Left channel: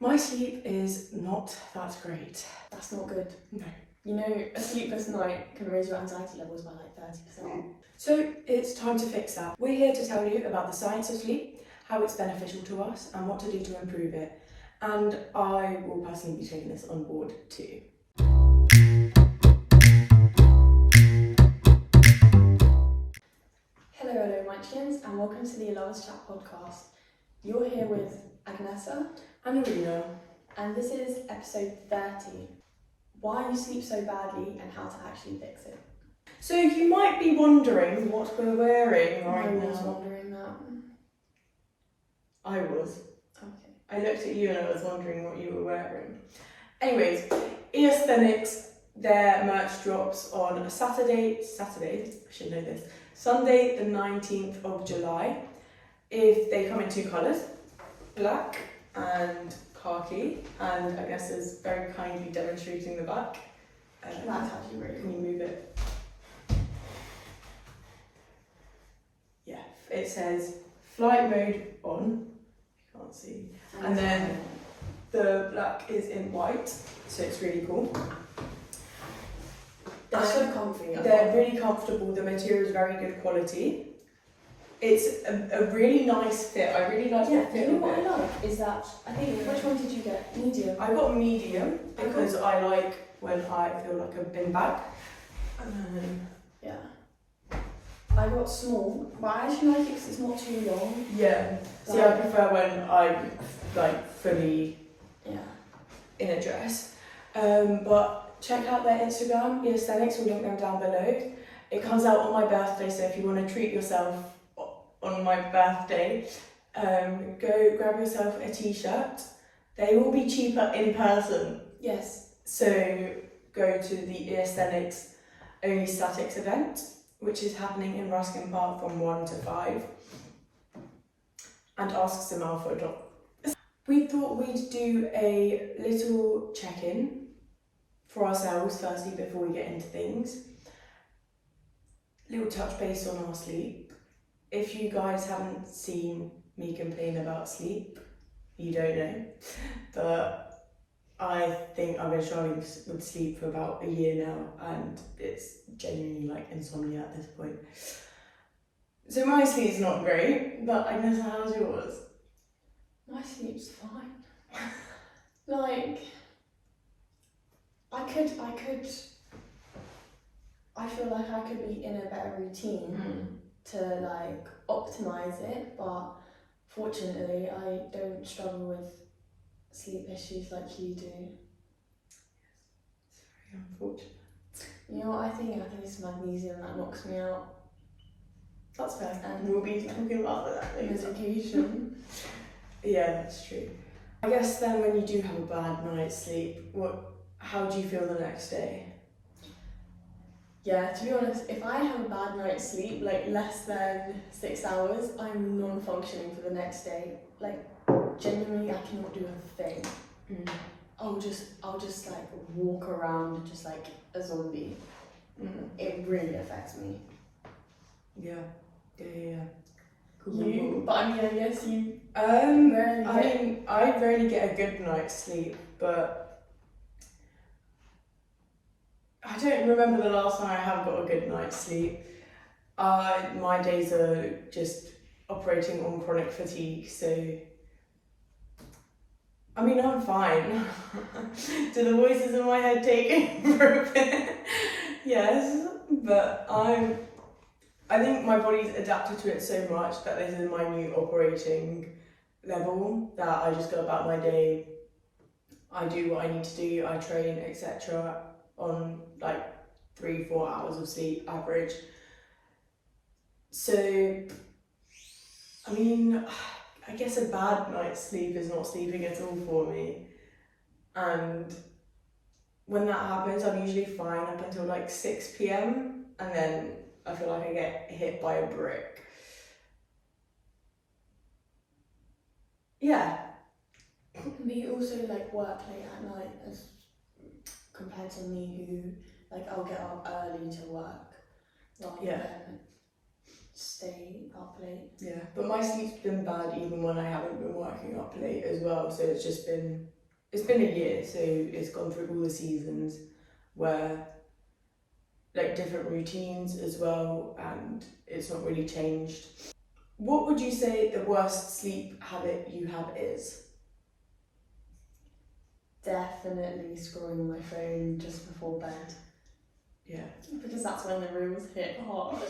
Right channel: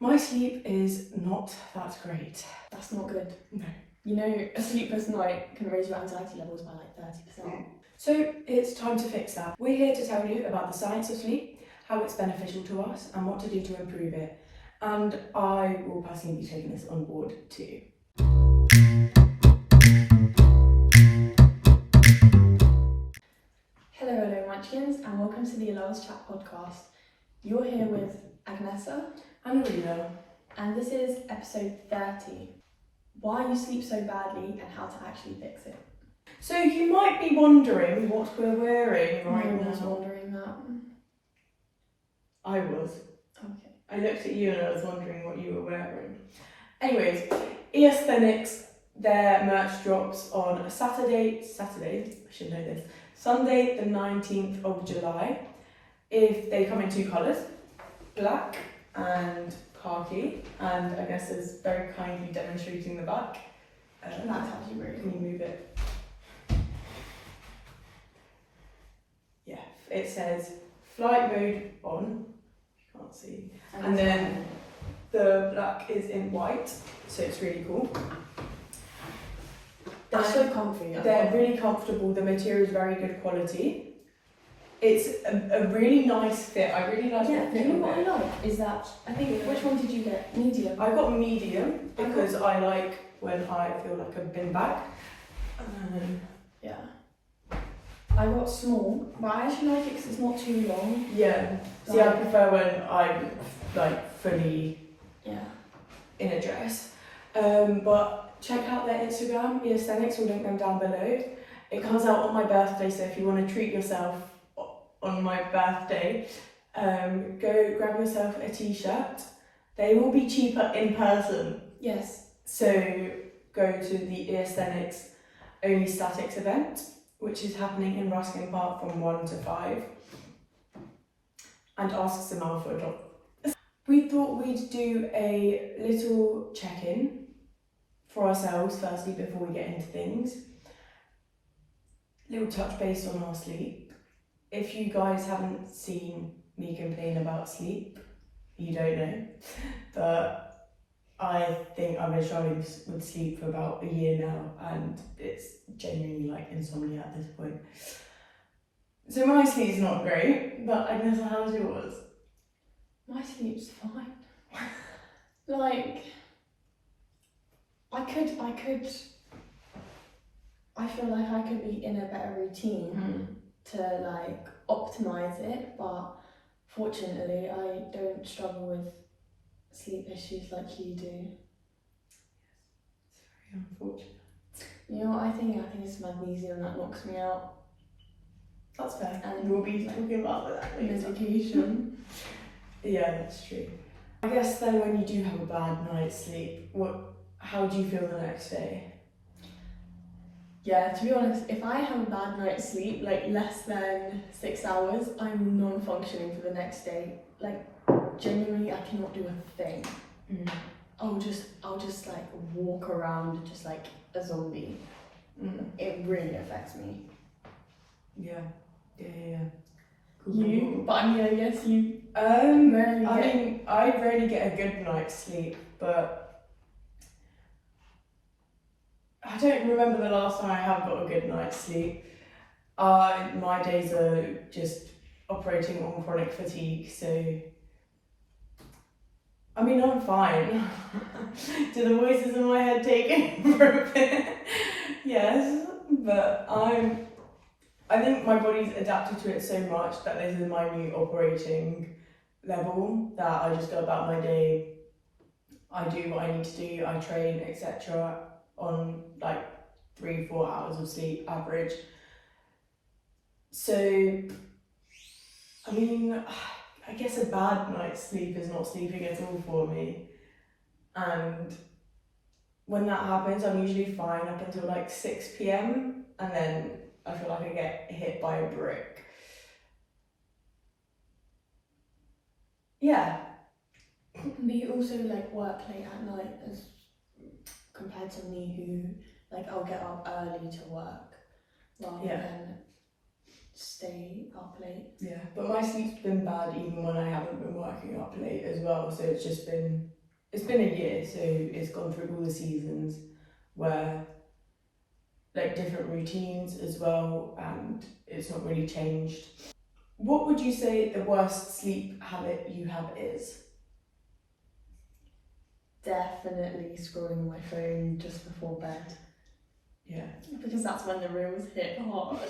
My sleep is not that great. That's not good. No. You know, a sleepless night can raise your anxiety levels by like 30%. So it's time to fix that. We're here to tell you about the science of sleep, how it's beneficial to us, and what to do to improve it. And I will personally be taking this on board too. Hello Munchkins, and welcome to the Allows Chat podcast. You're here with Agnesa And Arena. and this is episode 30. Why you sleep so badly and how to actually fix it. So you might be wondering what we're wearing right I was now. wondering that. I was. Okay. I looked at you and I was wondering what you were wearing. Anyways, Eosthenix, their merch drops on Saturday, I should know this, Sunday the 19th of July. If they come in two colours, black and khaki, and I guess is very kindly demonstrating the back. That's actually really Can cool. you move it? Yeah, it says flight mode on, you can't see, and then the black is in white, so it's really cool. They're so comfy. They're really comfortable, the material is very good quality. It's a really nice fit, I really like the fit you of know what it. I like is that, I think, which one did you get? Medium? I got medium because I like when I feel like I've been back. Yeah. I got small, but I actually like it because it's not too long. Yeah, see I prefer when I'm like fully Yeah. in a dress. But check out their Instagram, Eosthenix, we'll link them down below. It comes out on my birthday, so if you want to treat yourself on my birthday, go grab yourself a t-shirt. They will be cheaper in person. Yes. So go to the Eosthenix Only Statics event, which is happening in Ruskin Park from 1 to 5. And ask Simone for a drop. We thought we'd do a little check-in for ourselves firstly before we get into things. Little touch base on our sleep. If you guys haven't seen me complain about sleep, you don't know. But I think I've been struggling with sleep for about a year now, and it's genuinely like insomnia at this point. So my sleep's not great, but I guess how's yours? My sleep's fine. Like, I feel like I could be in a better routine to like optimize it, but fortunately I don't struggle with sleep issues like you do. It's very unfortunate. You know what I think? I think it's magnesium that knocks me out. That's fair. And We'll be talking about that later. Medication. Yeah, that's true. I guess then when you do have a bad night's sleep, how do you feel the next day? Yeah, to be honest, if I have a bad night's sleep, like less than 6 hours, I'm non-functioning for the next day. Like, genuinely, I cannot do a thing. I'll just like walk around just like a zombie. It really affects me. Yeah. Cool. You? But I mean, I guess you I rarely get a good night's sleep, but I don't remember the last time I have got a good night's sleep. My days are just operating on chronic fatigue, so I mean I'm fine. Do the voices in my head take over a bit? Yes, but I think my body's adapted to it so much that this is my new operating level, that I just go about my day, I do what I need to do, I train, etc. on like 3-4 hours of sleep average. So, I mean, I guess a bad night's sleep is not sleeping at all for me. And when that happens, I'm usually fine up until like 6 p.m. and then I feel like I get hit by a brick. Yeah. But you also like work late at night as compared to me who like I'll get up early to work rather than stay up late. Yeah, but my sleep's been bad even when I haven't been working up late as well. So it's been a year, so it's gone through all the seasons where like different routines as well, and it's not really changed. What would you say the worst sleep habit you have is? Definitely scrolling my phone just before bed. Yeah. Because that's when the reels hit hard.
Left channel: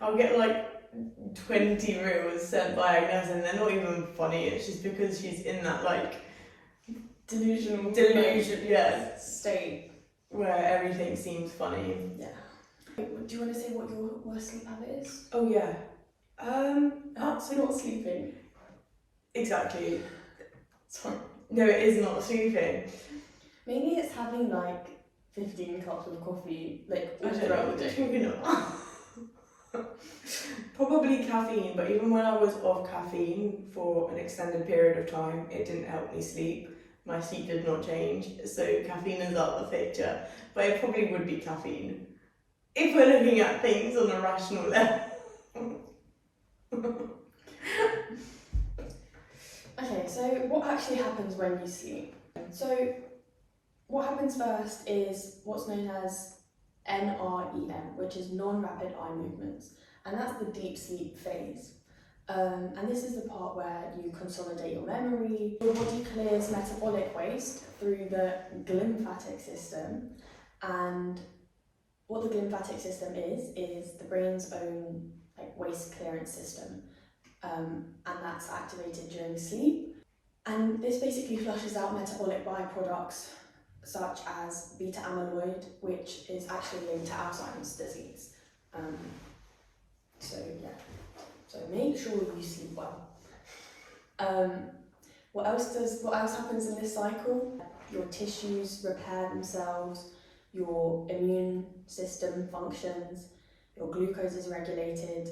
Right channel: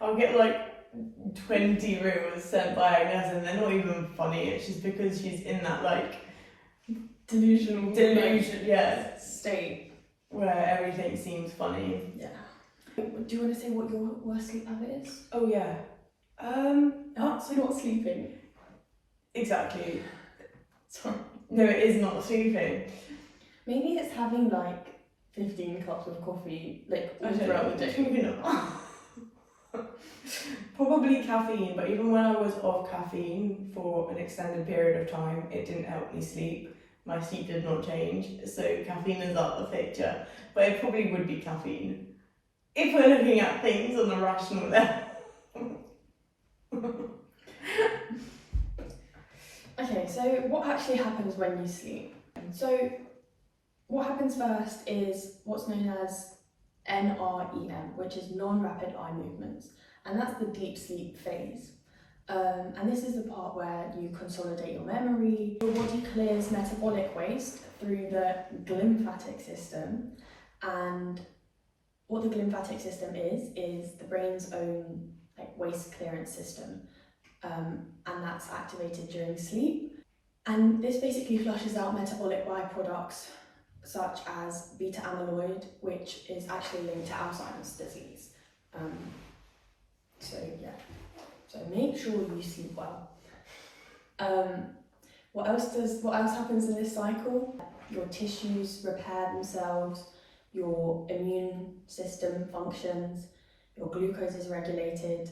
I'll get like 20 reels sent by Agnes and they're not even funny, it's just because she's in that like Delusion, yeah, state where everything seems funny. Yeah. Do you want to say what your worst sleep habit is? Oh yeah. So not sleeping. Exactly. Sorry. No, it is not sleeping. Maybe it's having like 15 cups of coffee, like I don't throughout know. the day. Maybe not. Probably caffeine, but even when I was off caffeine for an extended period of time, it didn't help me sleep. My sleep did not change, so caffeine is out of the picture. But it probably would be caffeine if we're looking at things on a rational level. Okay, so what actually happens when you sleep? So what happens first is what's known as NREM, which is non-rapid eye movements, and that's the deep sleep phase. And this is the part where you consolidate your memory. Your body clears metabolic waste through the glymphatic system, and what the glymphatic system is the brain's own like waste clearance system, and that's activated during sleep. And this basically flushes out metabolic byproducts such as beta amyloid, which is actually linked to Alzheimer's disease. So yeah, so make sure you sleep well. What else happens in this cycle? Your tissues repair themselves, your immune system functions, your glucose is regulated,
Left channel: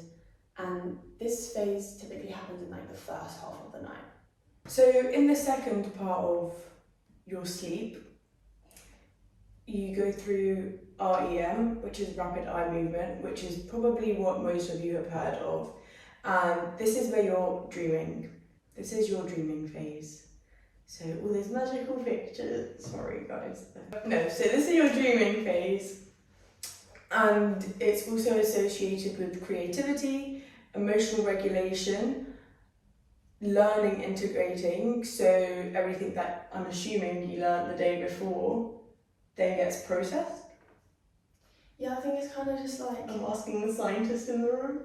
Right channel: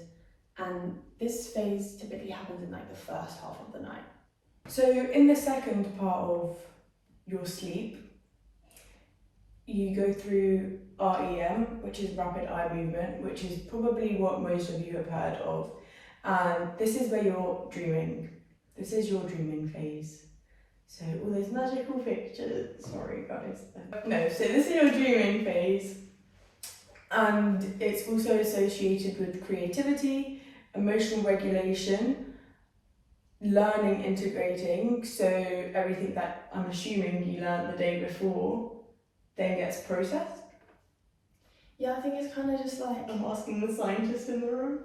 and this phase typically happens in like the first half of the night. So in the second part of your sleep, you go through REM, which is rapid eye movement, which is probably what most of you have heard of. And this is where you're dreaming. This is your dreaming phase. So all those magical pictures, sorry guys. No, so this is your dreaming phase. And it's also associated with creativity, emotional regulation, learning integrating, so everything that I'm assuming you learned the day before then gets processed. Yeah, I think it's kind of just like... I'm asking the scientist in the room.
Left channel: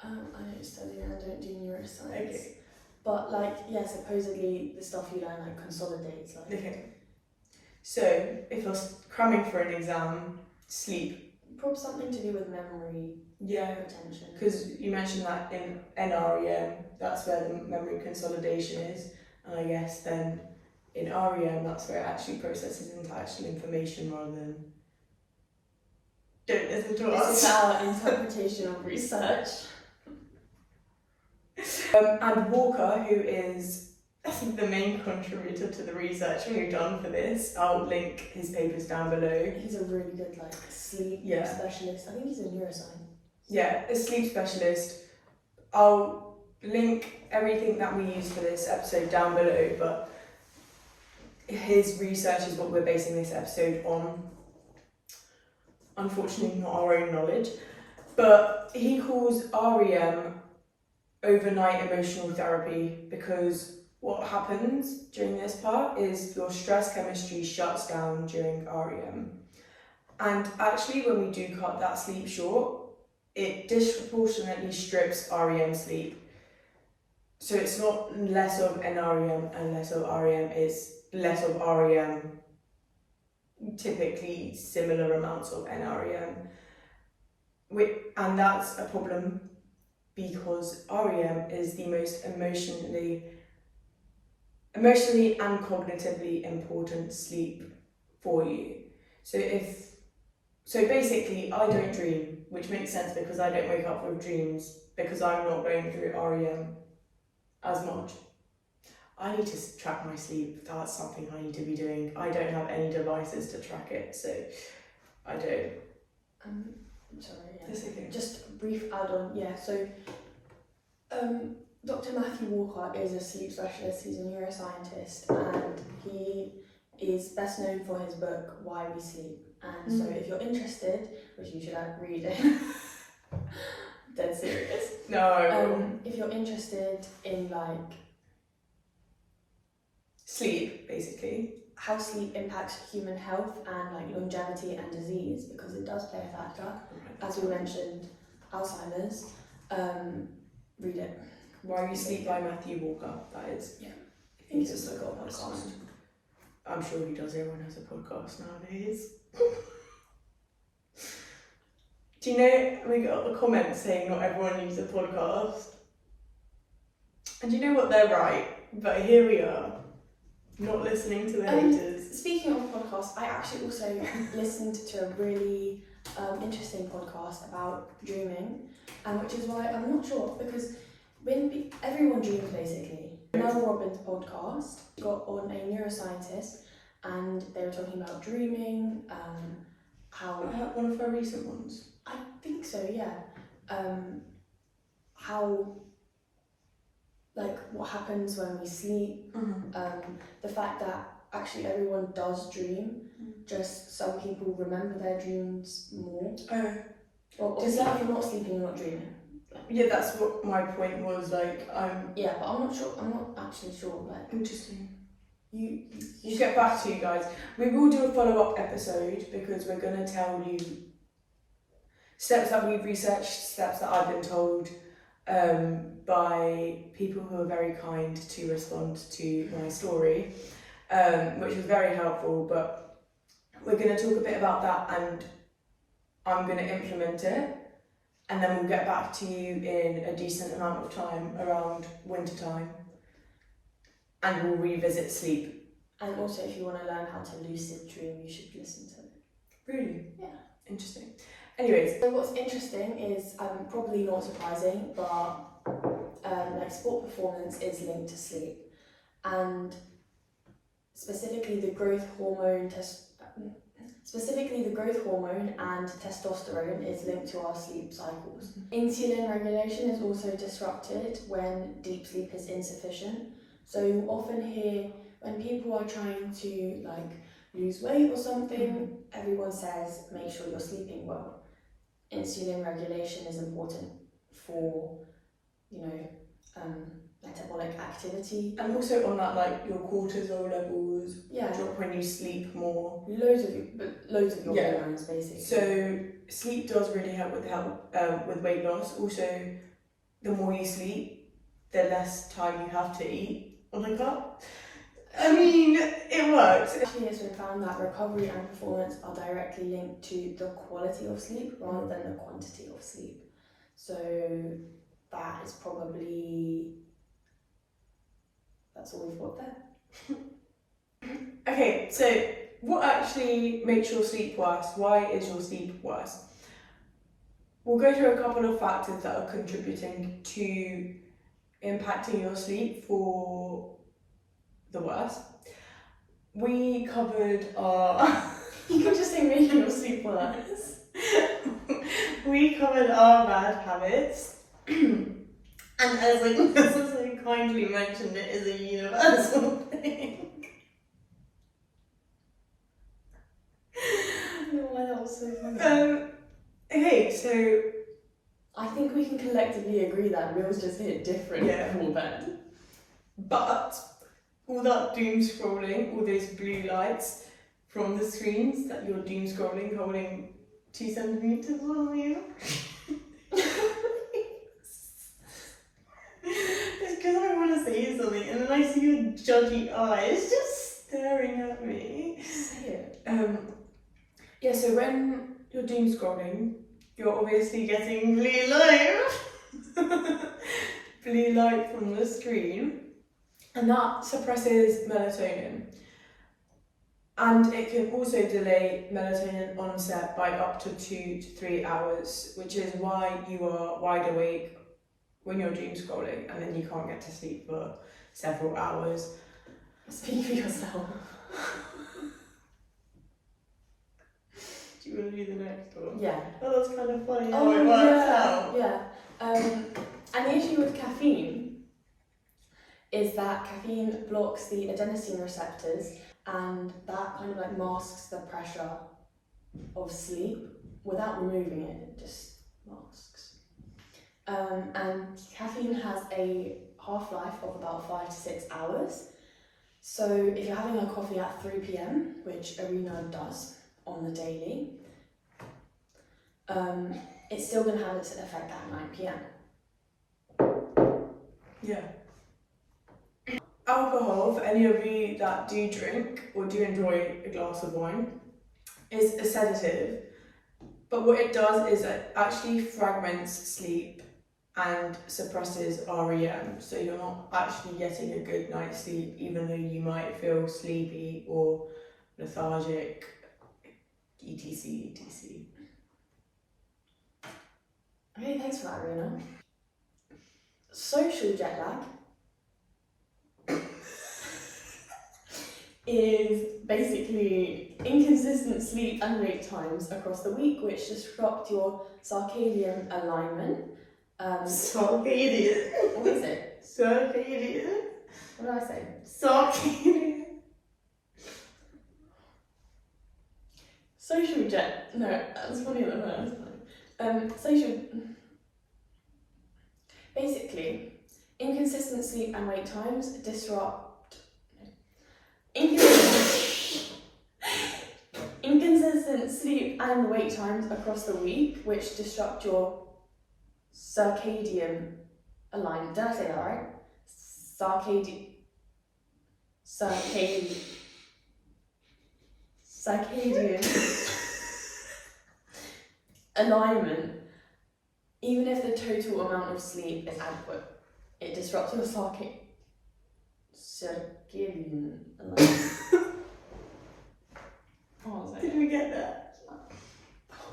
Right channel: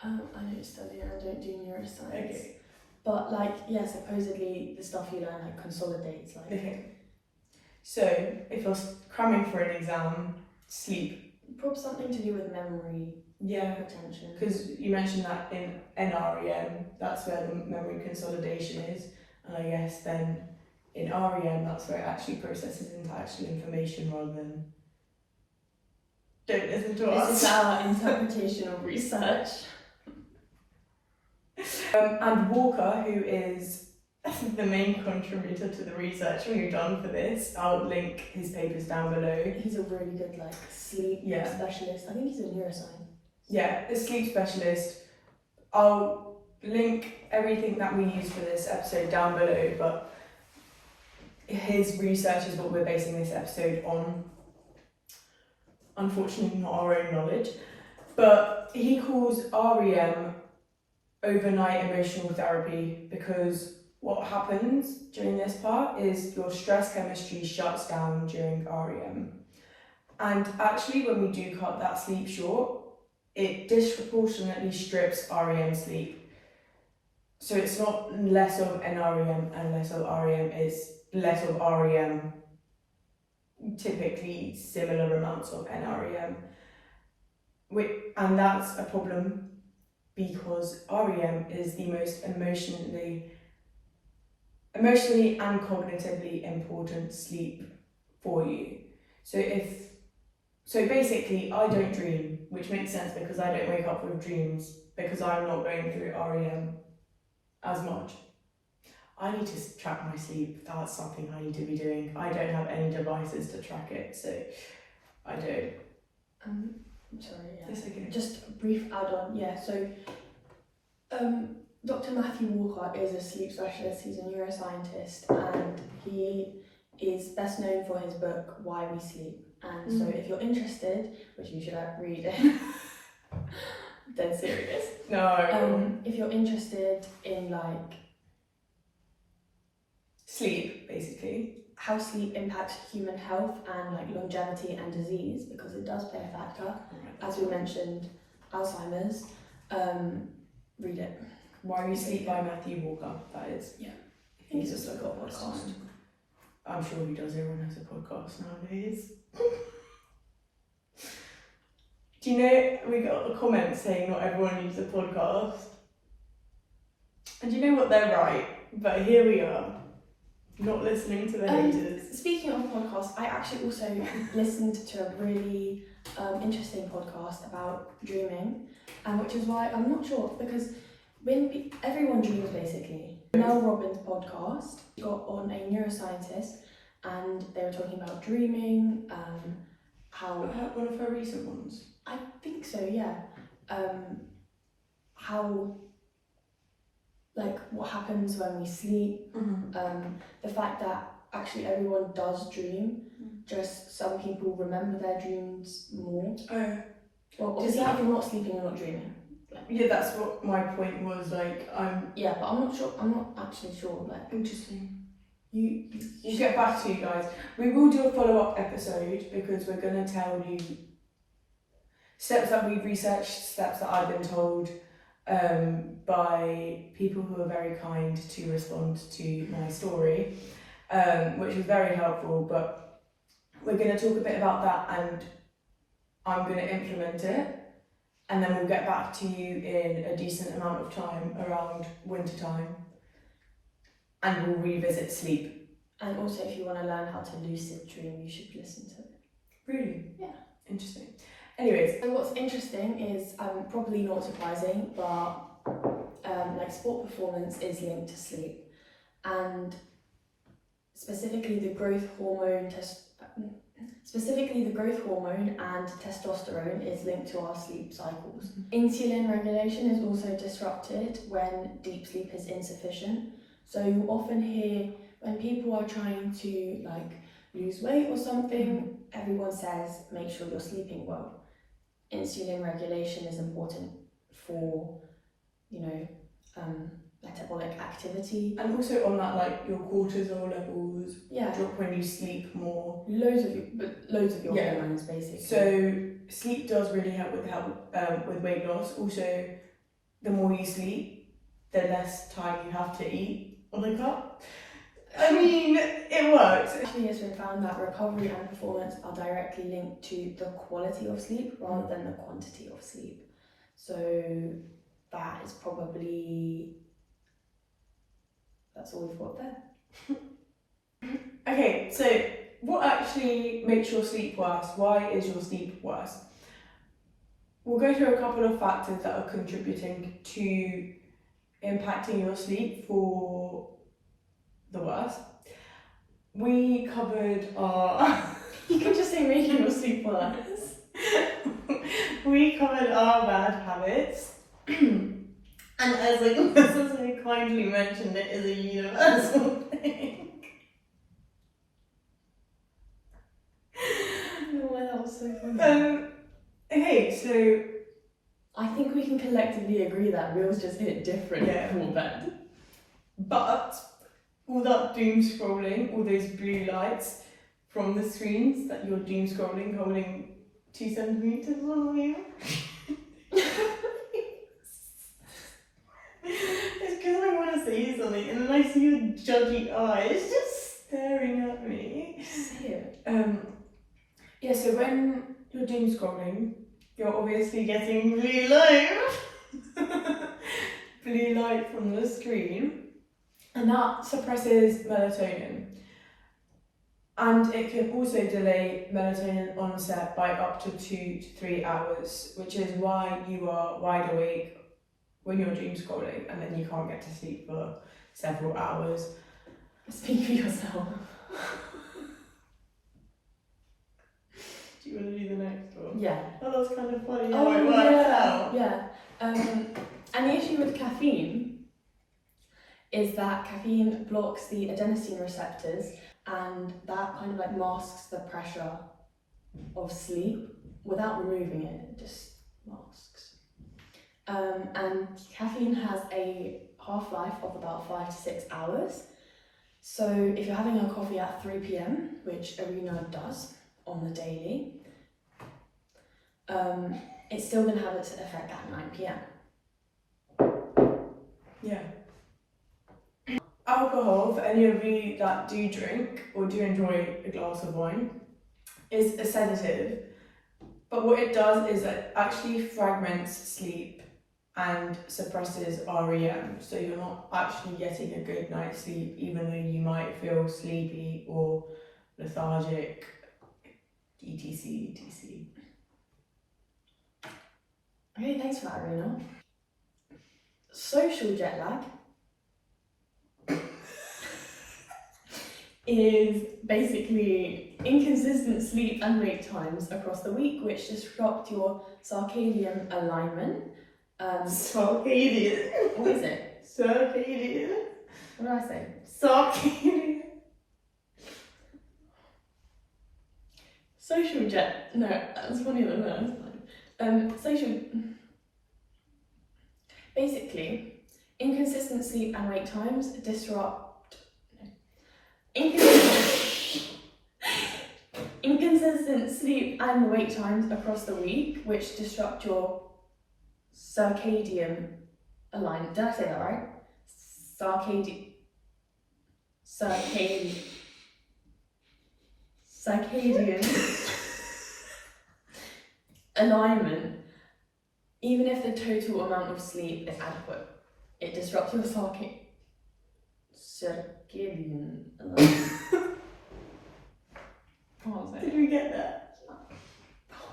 I don't study and I don't do neuroscience. Okay. But like, yeah, supposedly the stuff you learn like consolidates. Like. Okay. So if you're cramming for an exam, sleep. Probably something to do with memory. Yeah. Retention. Because you mentioned that in NREM, that's where the memory consolidation is. And I guess then in REM, that's where it actually processes into actual information rather than... Don't listen to us. This is our interpretation of research. And Walker, who is the main contributor to the research we've done for this, I'll link his papers down below. He's a really good like sleep specialist. I think he's a neuroscientist. Yeah, a sleep specialist. I'll link everything that we use for this episode down below, but his research is what we're basing this episode on. Unfortunately, not our own knowledge, but he calls REM overnight emotional therapy because what happens during this part is your stress chemistry shuts down during REM. And actually, when we do cut that sleep short, it disproportionately strips REM sleep. So it's not less of NREM and less of REM, it's less of REM, typically similar amounts of NREM. And that's a problem because REM is the most emotionally and cognitively important sleep for you. So basically, I don't dream, which makes sense because I don't wake up with dreams because I'm not going through REM as much. I need to track my sleep. That's something I need to be doing. I don't have any devices to track it, so I don't. sorry, yeah. That's okay. Just a brief add-on, yeah. So, Dr. Matthew Walker is a sleep specialist. He's a neuroscientist, and he is best known for his book Why We Sleep. And so, if you're interested, which you should read it, dead serious. No. If you're interested in like sleep, basically. how sleep impacts human health and like longevity and disease, because it does play a factor. As we mentioned, Alzheimer's. Read it. Why We Sleep by Matthew Walker, that is. Yeah. He's just like a podcast. I'm sure he does, everyone has a podcast nowadays. Do you know, we got a comment saying not everyone needs a podcast. And do you know what, they're right, but here we are, not listening to the haters. Speaking of podcasts, I actually also listened to a really interesting podcast about dreaming, which is why I'm not sure, because when everyone dreams basically. Mel Robbins' podcast got on a neuroscientist, and they were talking about dreaming, how... One of her recent ones? I think so, yeah. How, like, what happens when we sleep, the fact that actually everyone does dream, just some people remember their dreams more. Oh. Well, obviously if you're not sleeping, you're not dreaming. Yeah, that's what my point was, like, Yeah, but I'm not actually sure, like... Interesting. We'll get back to you guys. We will do a follow-up episode, because we're going to tell you steps that we've researched, steps that I've been told by people who are very kind to respond to my story, which is very helpful, but we're going to talk a bit about that, and I'm going to implement it, and then we'll get back to you in a decent amount of time around winter time, and we'll revisit sleep. And also, if you want to learn how to lucid dream, you should listen to it. Really? Yeah. Interesting. Anyways. So what's interesting is, probably not surprising, but like sport performance is linked to sleep. And specifically the growth hormone and testosterone is linked to our sleep cycles. Insulin regulation is also disrupted when deep sleep is insufficient. So you often hear when people are trying to like lose weight or something, everyone says make sure you're sleeping well. Insulin regulation is important for, metabolic activity. And also on that, like, your cortisol levels drop when you sleep more. Loads of your hormones, basically. So sleep does really help with weight loss. Also, the more you sleep, the less time you have to eat on a cup. I mean, it works. Actually, it's been found that recovery and performance are directly linked to the quality of sleep rather than the quantity of sleep. So that is probably... that's all we've got there. Okay, so what actually makes your sleep worse? Why is your sleep worse? We'll go through a couple of factors that are contributing to impacting your sleep for the worst. We covered our... You can just say making your sleep worse. We covered our bad habits. And as like Mrs. so kindly mentioned, it is a universal thing. Oh, that was so funny. Okay, so I think we can collectively agree that wheels just hit different before bed. But all that doom scrolling, all those blue lights from the screens that you're doom scrolling, holding 2 centimeters on you. It's because I want to say something, and then I see your judgy eyes just staring at me. Yeah, so when you're doom scrolling, you're obviously getting blue light. Blue light from the screen. And that suppresses melatonin. And it can also delay melatonin onset by up to 2 to 3 hours, which is why you are wide awake when you're doom scrolling, and then you can't get to sleep for several hours. Speak for yourself. Do you want to do the next one? Yeah. Oh, that's kind of funny how it works out. Yeah. And the issue with caffeine is that caffeine blocks the adenosine receptors, and that kind of like masks the pressure of sleep without removing it. It just masks. And caffeine has a half-life of about 5 to 6 hours. So if you're having a coffee at 3 p.m, which Arena does on the daily, it's still going to have its effect at 9 p.m. Yeah. Alcohol, for any of you that do drink or do enjoy a glass of wine, is a sedative. But what it does is it actually fragments sleep and suppresses REM. So you're not actually getting a good night's sleep, even though you might feel sleepy or lethargic, etc. Okay, thanks for that, Arena. Social jet lag is basically inconsistent sleep and wake times across the week, which disrupt your circadian alignment. Circadian. What is it? Circadian. What did I say? Circadian. Social jet. No, that's funnier than that. Basically, inconsistent sleep and wake times disrupt. Inconsistent sleep and wake times across the week, which disrupt your circadian alignment. Did I say that right? Circadian alignment. Even if the total amount of sleep is adequate, it disrupts your circadian alignment. What was it? Did we get that?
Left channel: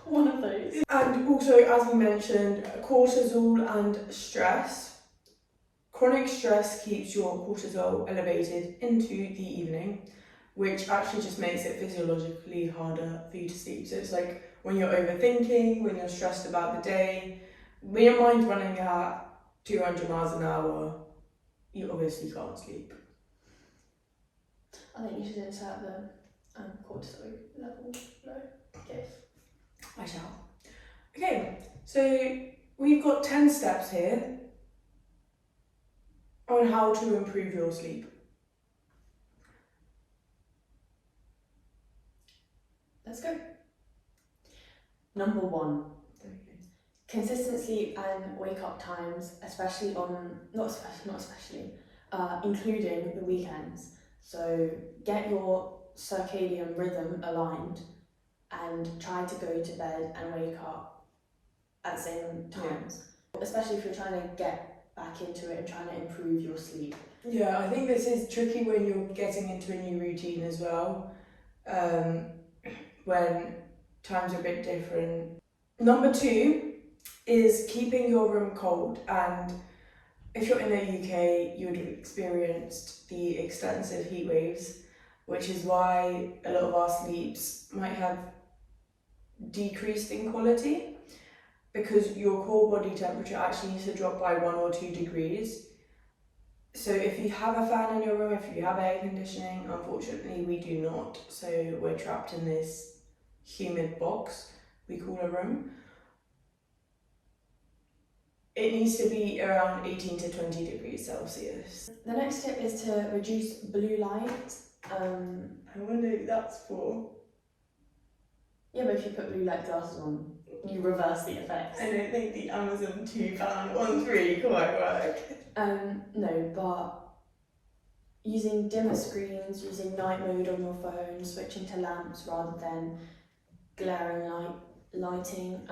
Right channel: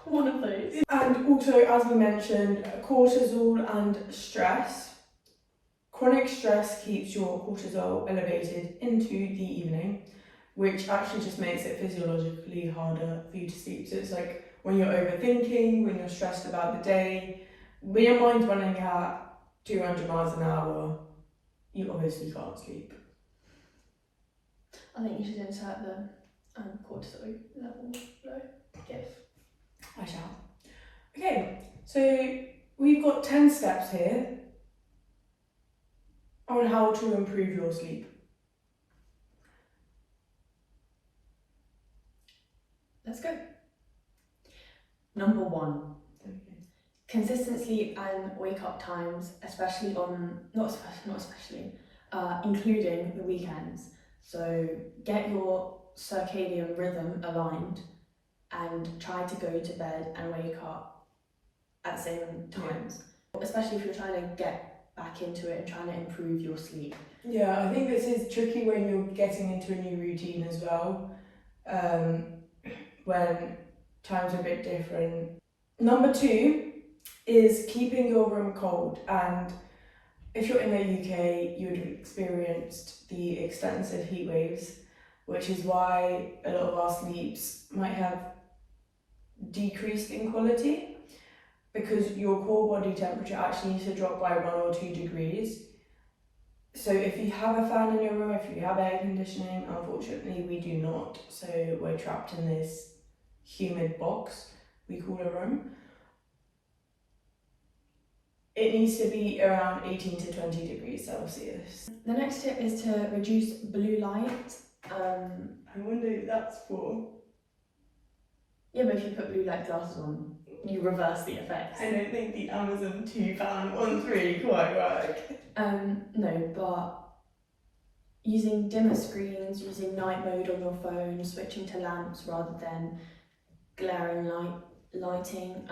One of those. And also, as we mentioned, cortisol and stress. Chronic stress keeps your cortisol elevated into the evening, which actually just makes it physiologically harder for you to sleep. So it's like when you're overthinking, when you're stressed about the day, when your mind's running at 200 miles an hour, you obviously can't sleep. I think you should insert the cortisol level low. Yes. I shall. Okay, so we've got 10 steps here on how to improve your sleep. Let's go. Number 1. Okay. Consistent sleep and wake up times, including the weekends. So get your circadian rhythm aligned and try to go to bed and wake up at the same times. Yeah. Especially if you're trying to get back into it and trying to improve your sleep. Yeah, I think this is tricky when you're getting into a new routine as well, when times are a bit different. Number 2 is keeping your room cold, and if you're in the UK, you would have experienced the extensive heat waves, which is why a lot of our sleeps might have decreased in quality, because your core body temperature actually needs to drop by 1 or 2 degrees. So if you have a fan in your room, if you have air conditioning, unfortunately we do not, so we're trapped in this humid box we call a room. It needs to be around 18 to 20 degrees Celsius. The next tip is to reduce blue light. I wonder who that's for. Yeah, but if you put blue light glasses on, you reverse the effects. I don't think the Amazon £2 one's really quite work. No, but using dimmer screens, using night mode on your phone, switching to lamps rather than glaring lighting,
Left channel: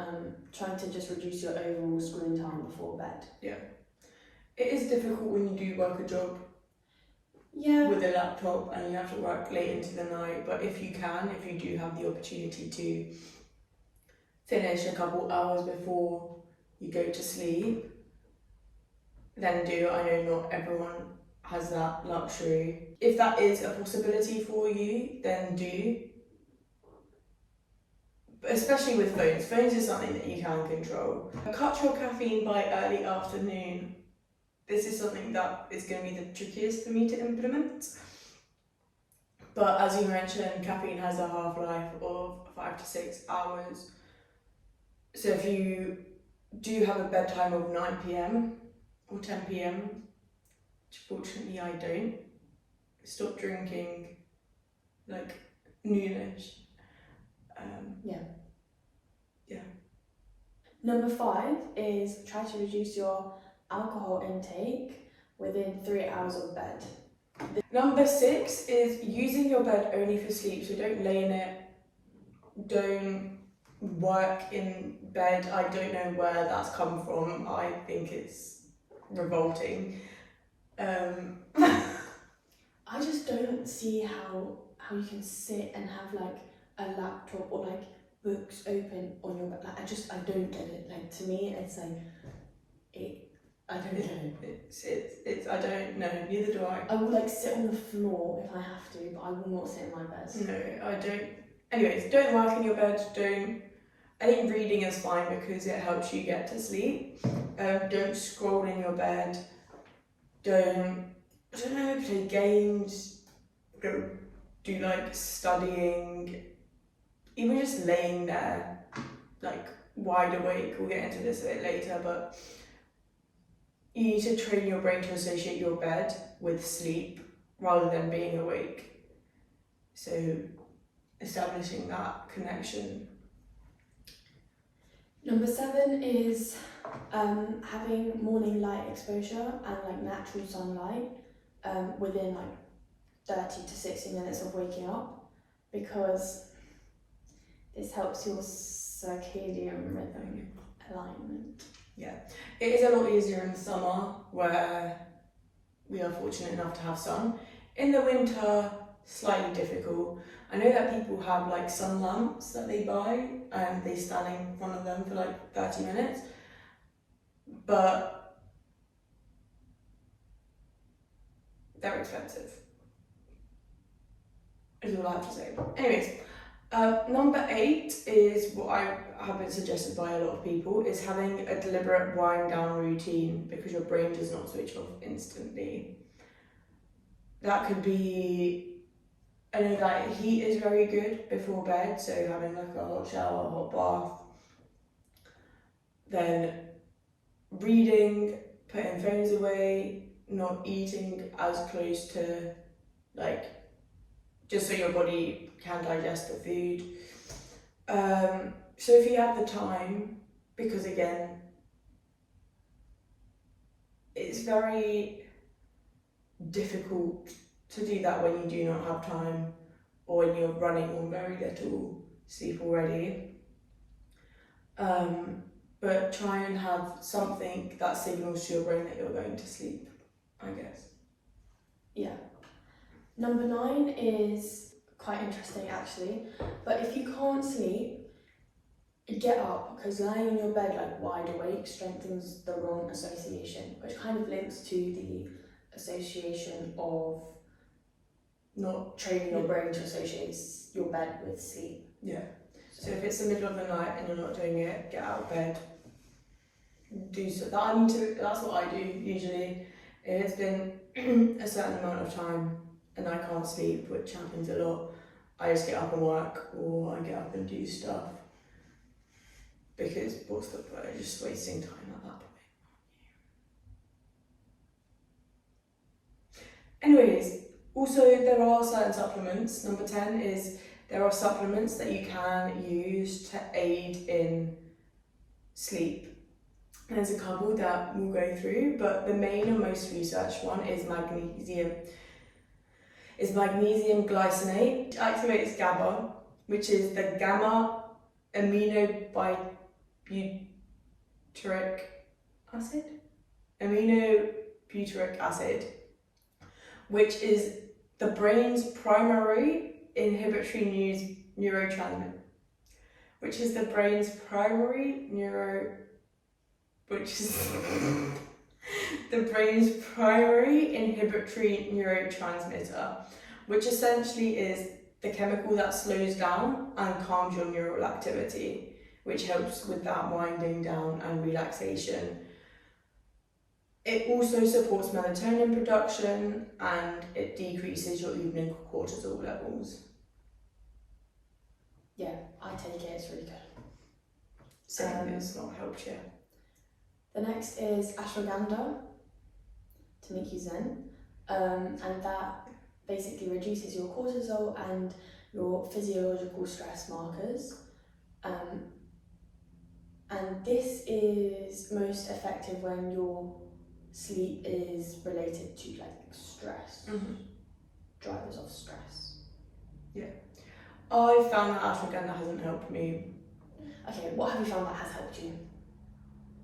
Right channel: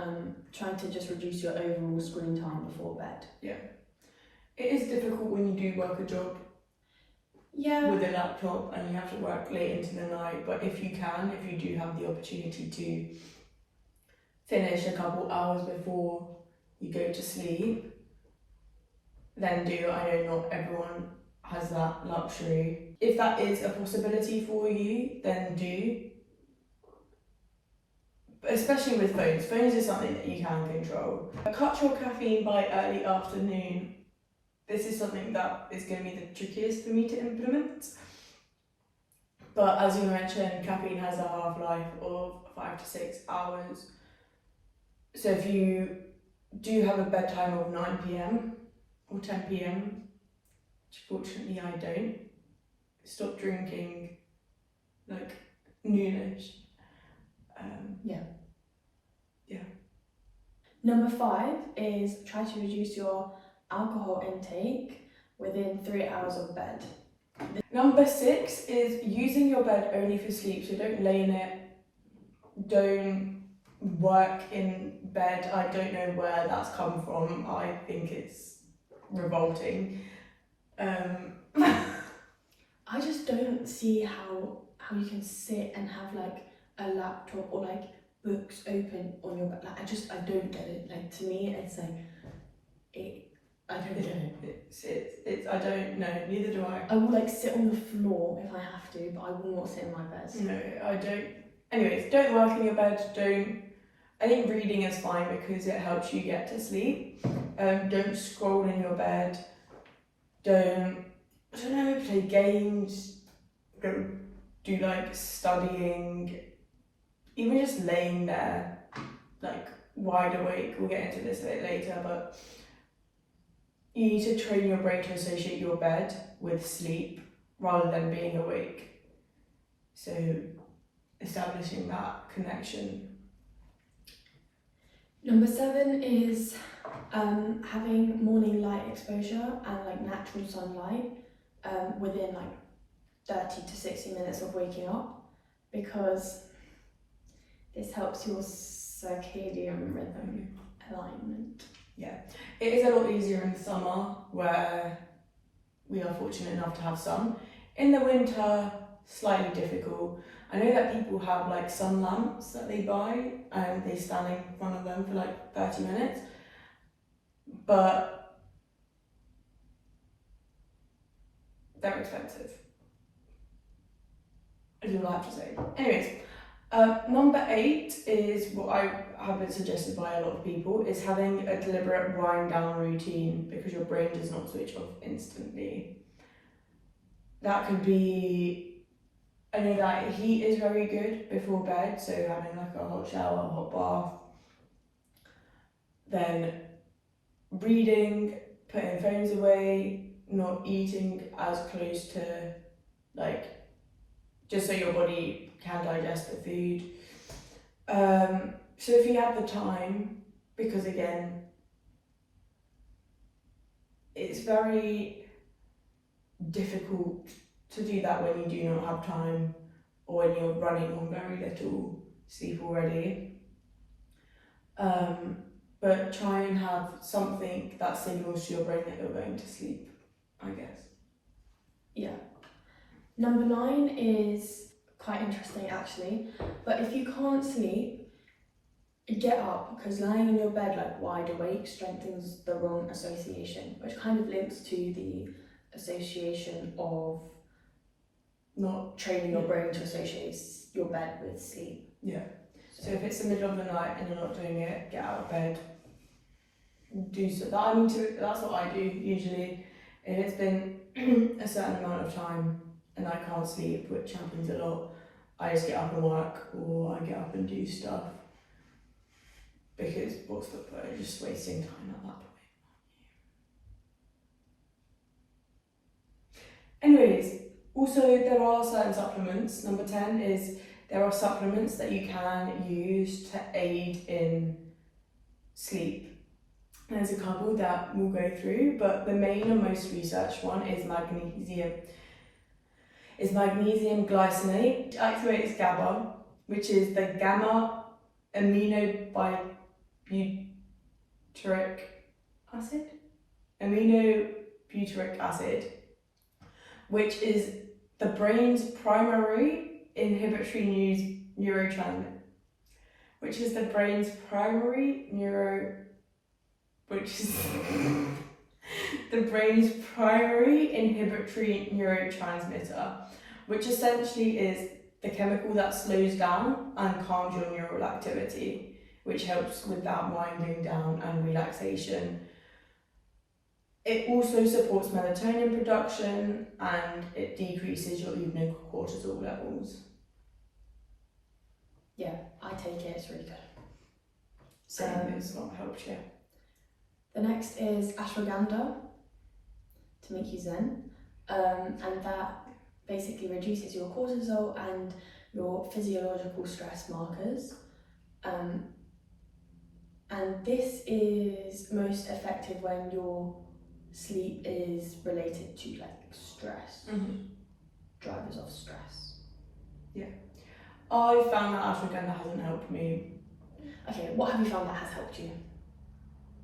trying to just reduce your overall screen time before bed. Yeah. It is difficult when you do work a job with a laptop and you have to work late into the night, but if you do have the opportunity to finish a couple hours before you go to sleep, then do. I know not everyone has that luxury. If that is a possibility for you, then do. especially with phones. Phones is something that you can control. Cut your caffeine by early afternoon. This is something that is going to be the trickiest for me to implement. But as you mentioned, caffeine has a half-life of 5 to 6 hours. So if you do have a bedtime of 9 p.m. or 10 p.m, which fortunately I don't, stop drinking like noonish. Number 5 is try to reduce your alcohol intake within 3 hours of bed. Number 6 is using your bed only for sleep. So don't lay in it, don't work in bed. I don't know where that's come from. I think it's revolting. I just don't see how you can sit and have like a laptop or like books open on your bed. Like I don't get it. Like to me, it's like I don't know. It's I don't know. Neither do I. I will like sit on the floor if I have to, but I will not sit in my bed. No, I don't. Anyways, don't work in your bed. I think reading is fine because it helps you get to sleep. Don't scroll in your bed. I don't know, play games. Go do like studying. Even just laying there, like wide awake. We'll get into this a bit later, but you need to train your brain to associate your bed with sleep rather than being awake. So establishing that connection. Number 7 is having morning light exposure and like natural sunlight within like 30 to 60 minutes of waking up, because this helps your circadian rhythm alignment. Yeah, it is a lot easier in the summer where we are fortunate enough to have sun. In the winter, slightly difficult. I know that people have like sun lamps that they buy and they stand in front of them for like 30 minutes, but they're expensive. Is all I have to say. Anyways, number 8 is what I have been suggested by a lot of people, is having a deliberate wind down routine because your brain does not switch off instantly. That could be, I know that heat is very good before bed, so having like a hot shower, a hot bath. Then reading, putting phones away, not eating as close to like, just so your body can digest the food. So if you have the time, because again, it's very difficult to do that when you do not have time or when you're running on very little sleep already. But try and have something that signals to your brain that you're going to sleep, I guess. Yeah. Number 9 is quite interesting actually, but if you can't sleep, get up, because lying in your bed like wide awake strengthens the wrong association, which kind of links to the association of not training your brain to associate your bed with sleep. Yeah. So if it's the middle of the night and you're not doing it, get out of bed. Do so. That's what I do usually. If it's been a certain amount of time and I can't sleep, which happens a lot, I just get up and work, or I get up and do stuff. Because what's the point? Just wasting time at that point. Anyways, also there are certain supplements. Number 10 is there are supplements that you can use to aid in sleep. There's a couple that we'll go through, but the main and most researched one is magnesium. Is magnesium glycinate, which activates GABA, which is the gamma aminobutyric acid? Aminobutyric acid, which is the brain's primary inhibitory neurotransmitter. Which is the brain's primary inhibitory neurotransmitter, which essentially is the chemical that slows down and calms your neural activity, which helps with that winding down and relaxation. It also supports melatonin production and it decreases your evening cortisol levels. Yeah, I take it, it's really good. Same, it's not helped you. The next is ashwagandha, to make you zen, and that basically reduces your cortisol and your physiological stress markers. And this is most effective when your sleep is related to like stress, drivers of stress. Yeah. I found that ashwagandha hasn't helped me. Okay, what have you found that has helped you?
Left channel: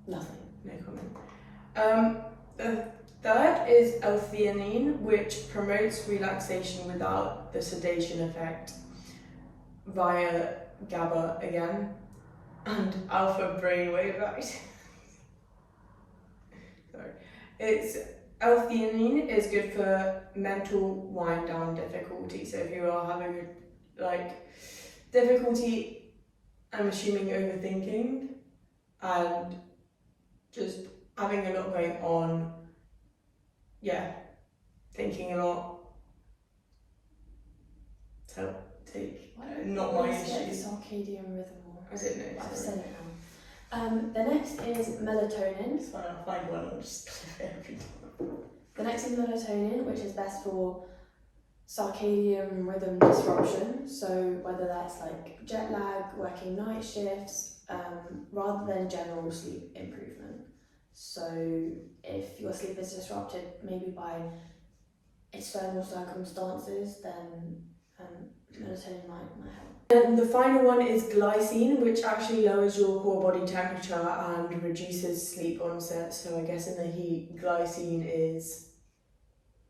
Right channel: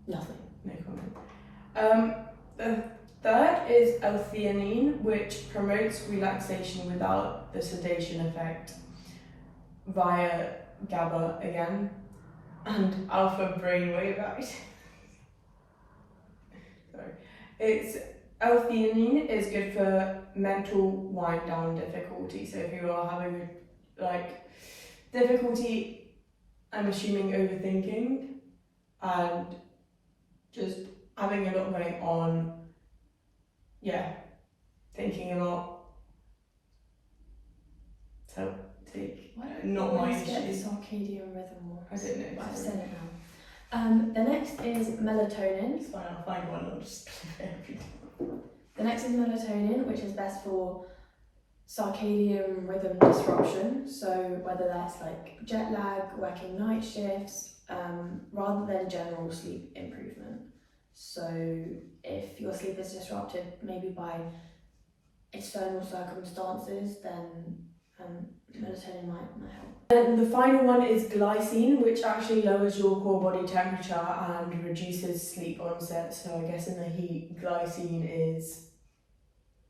Nothing. No comment. The third is Eosthenix, which promotes relaxation without the sedation effect via GABA again, and alpha brainwave activity. Sorry. Eosthenix is good for mental wind down difficulty. So if you are having like difficulty, I'm assuming overthinking and just having a lot going on, thinking a lot. So take not my issue. Circadian rhythm. I don't know. I've said it now. The next is melatonin. It's fine, I'll find one. I'll just click every time. The next is melatonin, which is best for circadian rhythm disruption. So whether that's like jet lag, working night shifts, rather than general sleep improvement. So if your sleep is disrupted maybe by external circumstances, then melatonin might help. And the final one is glycine, which actually lowers your core body temperature and reduces sleep onset. So I guess in the heat, glycine is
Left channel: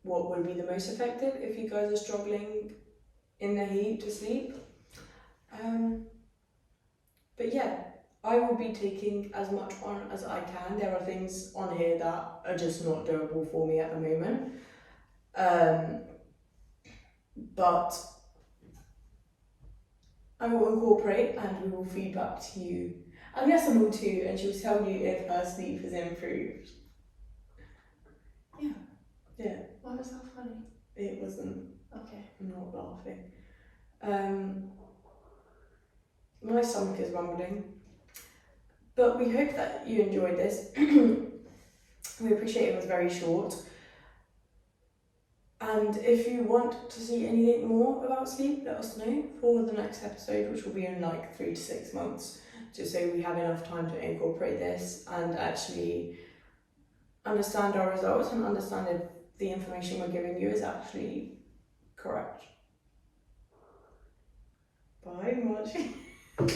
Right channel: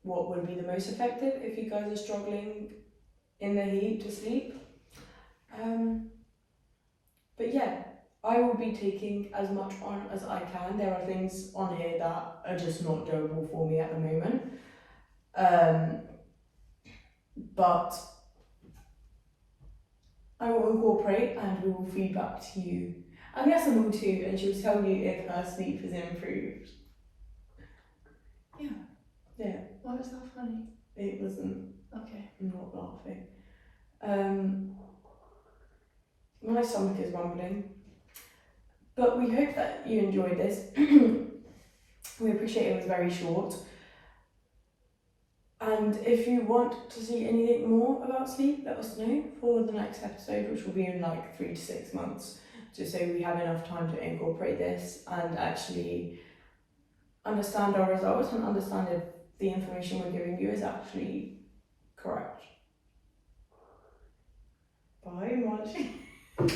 what would be the most effective if you guys are struggling in the heat to sleep. But yeah, I will be taking as much on as I can. There are things on here that are just not doable for me at the moment. But I will incorporate and we will feed back to you. And Yasa will too, and she'll tell you if her sleep has improved. Yeah. Yeah. Why was that funny? It wasn't. Okay. I'm not laughing. My stomach is rumbling. But we hope that you enjoyed this. We appreciate it was very short. And if you want to see anything more about sleep, let us know for the next episode, which will be in like 3 to 6 months, just so we have enough time to incorporate this and actually understand our results and understand if the information we're giving you is actually correct. Bye, much.